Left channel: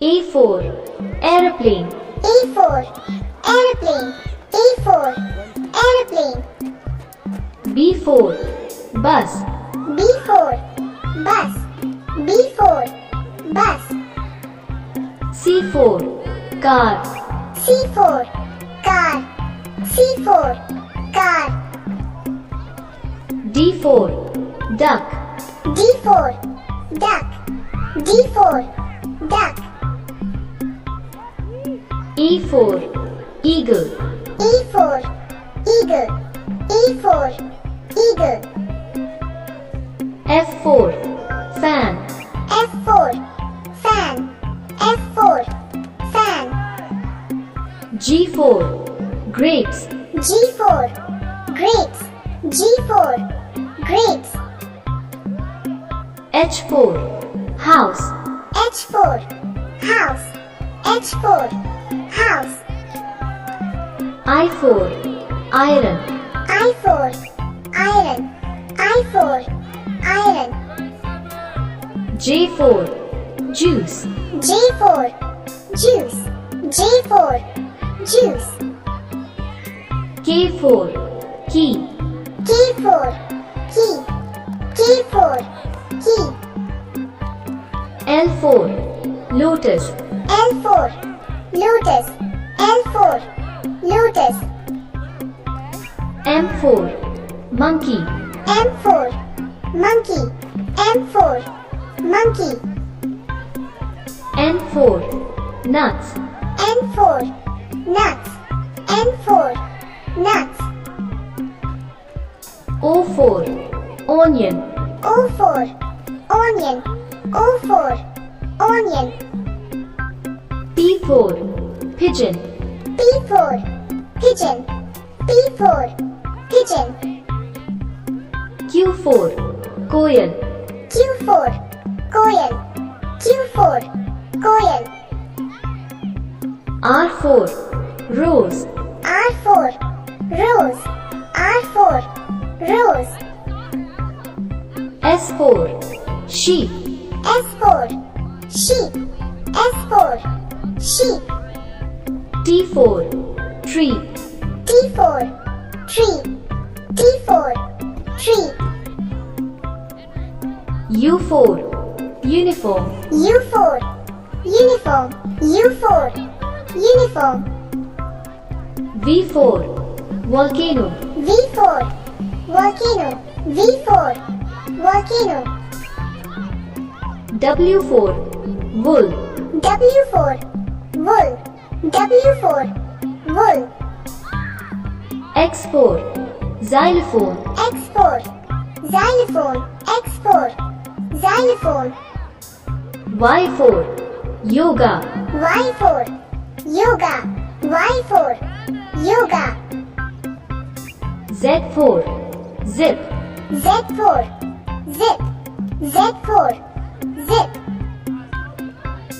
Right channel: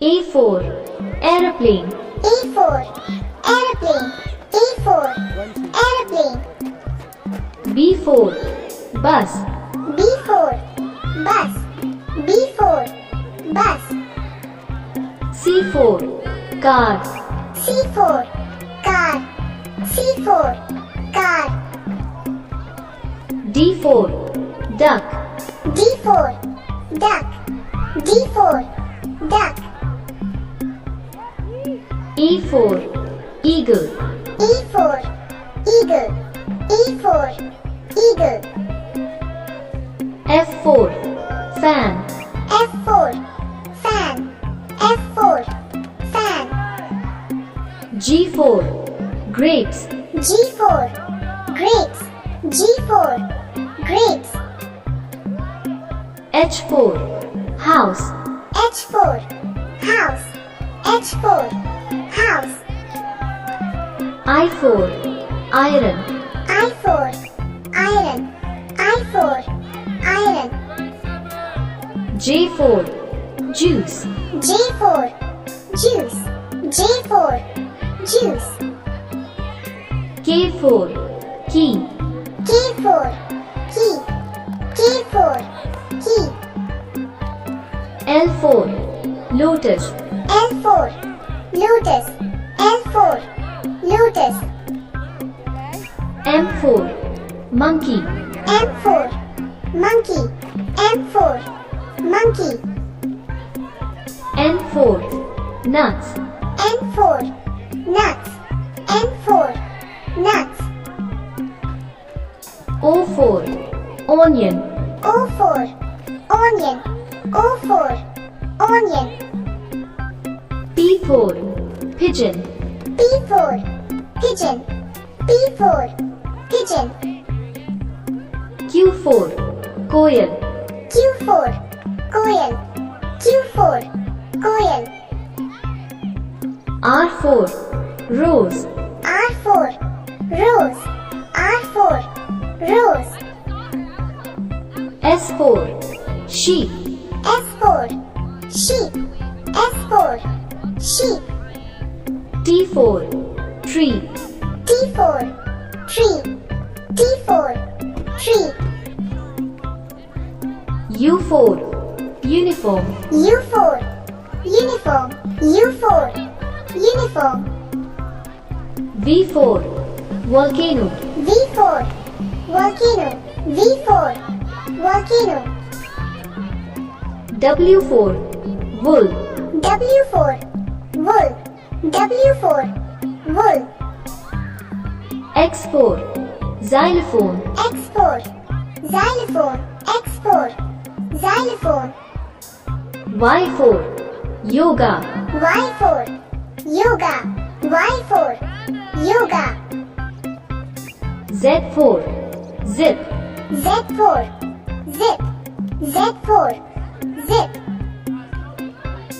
A for Aeroplane. A for Aeroplane. A for Aeroplane. B for Bus. B for Bus. B for Bus. C for Car. C for Car. C for Car. D for Duck. D for Duck. D for Duck. E for Eagle. E for Eagle. E for Eagle. F for Fan. F for Fan. F for Fan. G for Grapes. G for Grapes. G for Grapes. H for House. H for House. H for House. I for Iron. I for Iron. I for Iron. J for Juice. J for Juice. J for Juice. K for Key. K for Key. K for Key. L for Lotus. L for Lotus. L for Lotus. M for Monkey. M for Monkey. M for Monkey. N for Nuts. N for Nuts. N for Nuts. O for Onion. O for Onion. O for Onion. P for Pigeon. P for Pigeon. P for Pigeon. Q for Koyal. Q for Koyal. Q for Koyal. R for Rose. R for Rose. R for Rose. S for Sheep. S for Sheep. S for Sheep. T for Tree. T for Tree. T for Tree. U for Uniform. U for Uniform. U for Uniform. V for Volcano. V for Volcano. V for Volcano. W for Wool. W for Wool. W for Wool. X for Xylophone. X for Xylophone. X for Xylophone. Y for Yoga. Y for Yoga. Y for Yoga. Z for Zip. Z for Zip. Z for Zip.